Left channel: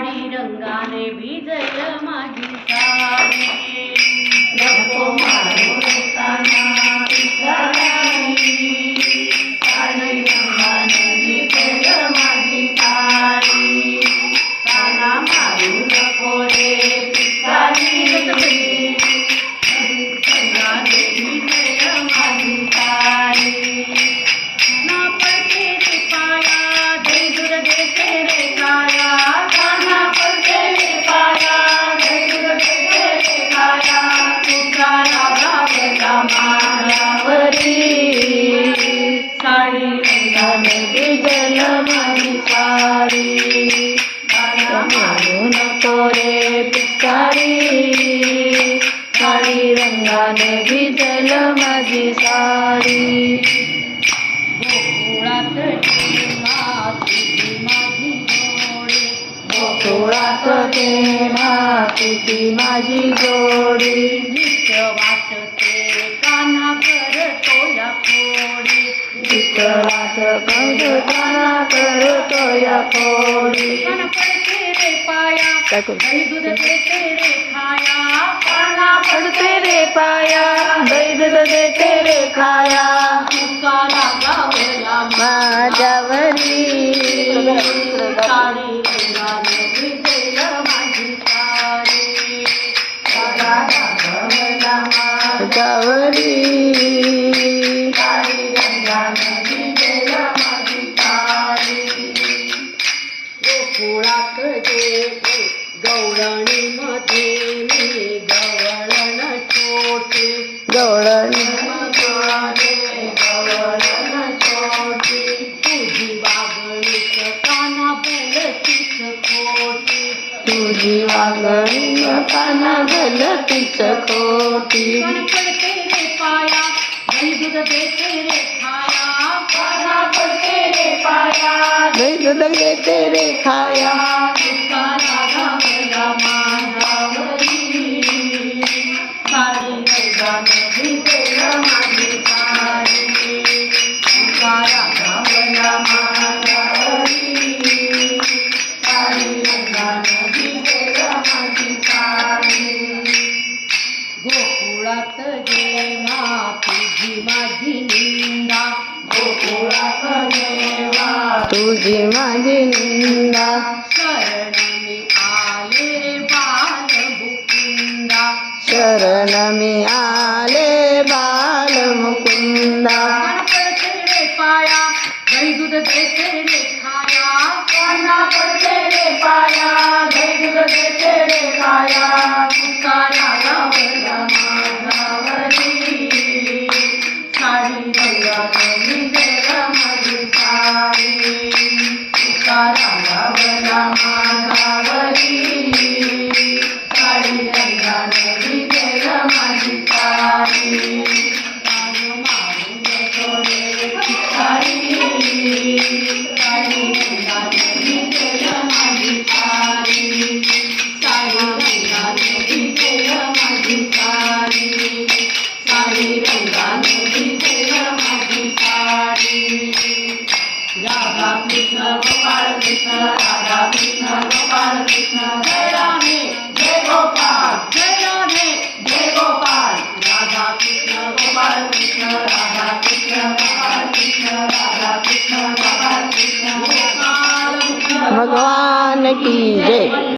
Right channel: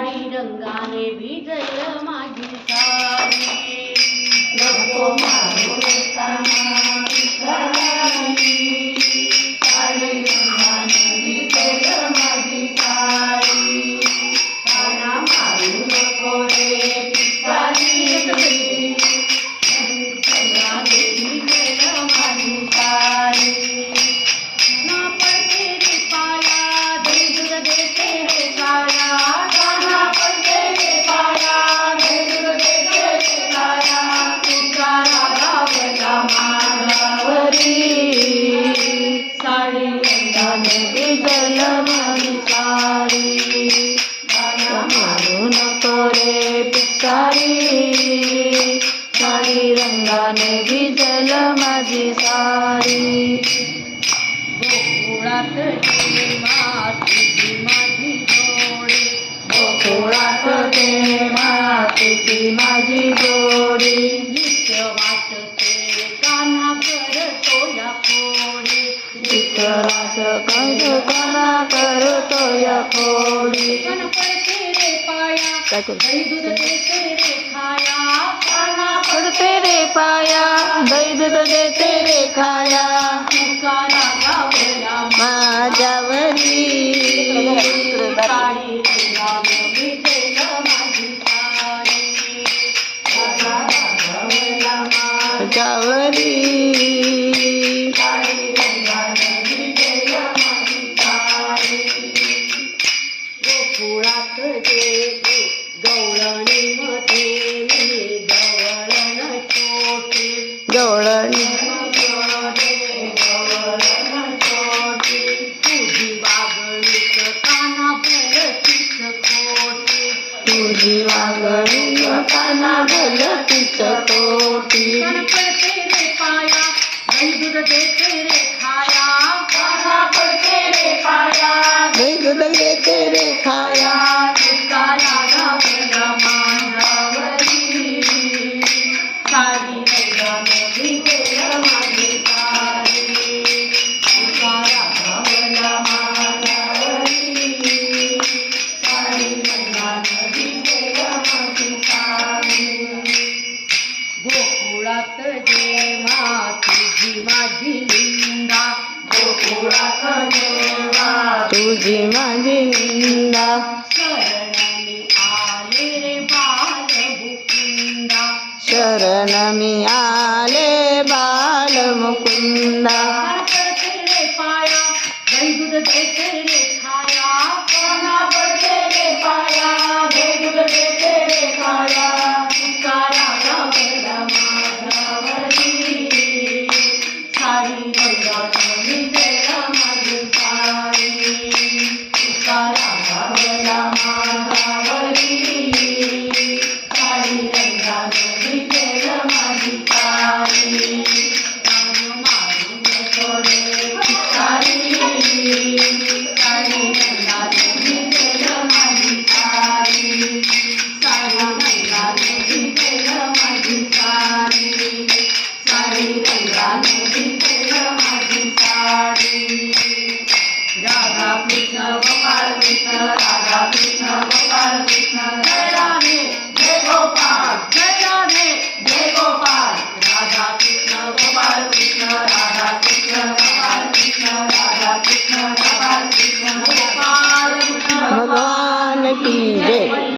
साडी रंगाने भिजल माझी साडी. नको मारू रंगाने भिजल माझी साडी बाळा मारू नको रे पिचकारी. साडी रंगाने भिजल माझी साडी गोकुळात जेव्हा तुझी माझी जोडी गोकुळात पेणा तुझी माझी जोडी. नित्य वाटते काना करतो या विठ्ठलास करताना करतो या खोडी कण पडते रे पाया काय करू? दही दूध देते रे खाया. काना पडते रे पाया दही दूध देते रे खाया. तुकारा गावला माझ्यावरी. तुझी वागणी काना गलतीच खोटी. कण पडते रे पाया दही दूध देते रे खाया. काना पडते रे पाया दही दूध घेते रे खाया. गोकुळात जेव्हा तुझी माझी निंदा. गोकुळात जेव्हा तुझी माझी निंदा. शरण मी आले बाल मुकुंदा शरण मी आले बाल मुकुंदा पाया. दही दूध देते साडी ભગવાન કી જય.